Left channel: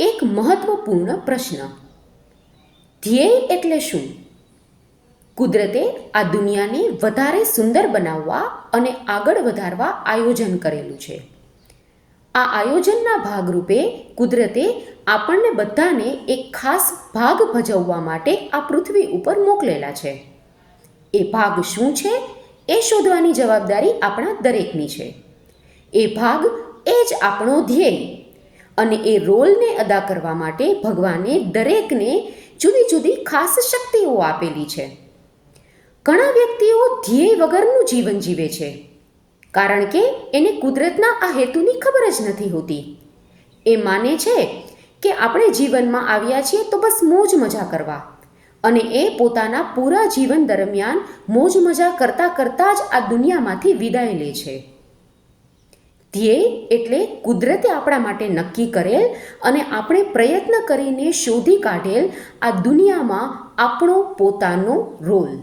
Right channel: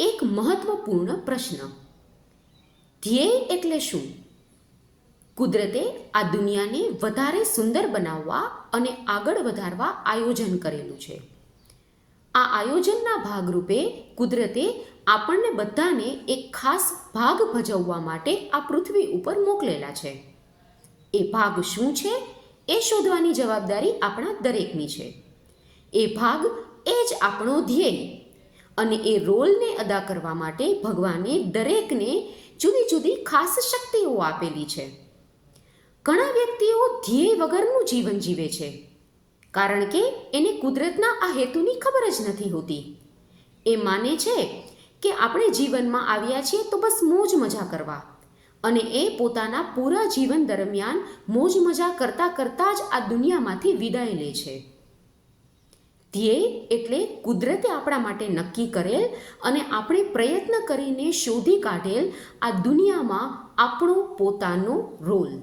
એક મહત્વપૂર્ણ પ્રશ્ન. ધ્યેય એટલે શું? કુદરતે આ દુનિયાને વધારે સુંદર બનાવવા અને આગળ વધારવા આયોજન કરેલું છે. આ આયોજનના ભાગરૂપે કુદરતે આપણને બધાને એક ખાસ ભાગ ભજવવા માટે આ પૃથ્વી ઉપર મોકલેલા છે. એ ભાગ શું છે એ શોધવાની જવાબદારી આપણા દરેકની છે. એ ભાગ એ જ આપણો ધ્યેય. અને એ રોલને અદા કરવા માટે ભગવાને દરેકને જુદી જુદી ખાસ શક્તિઓ આપેલી છે. ઘણા વ્યક્તિઓ ધ્યેય વગરનું જીવન જીવે છે, કારણ કે એને કુદરતના આ હેતુની ખબર જ નથી હોતી. એ માને છે કે આપણે જીવનમાં આવ્યા છીએ તો બસ મોજ મજા કરવા, અને એ પોતાના પૂરા જીવન દરમિયાન મોજ મજા કરતાં કરતાં જ આ દુનિયામાંથી વિદાય લે છે. ધ્યેય એટલે કુદરતે આપણા માટે નક્કી કરેલ અને આપણે પ્રયત્ન કરીને શોધી કાઢેલ આ દુનિયામાં આપણો પોતાનો રોલ.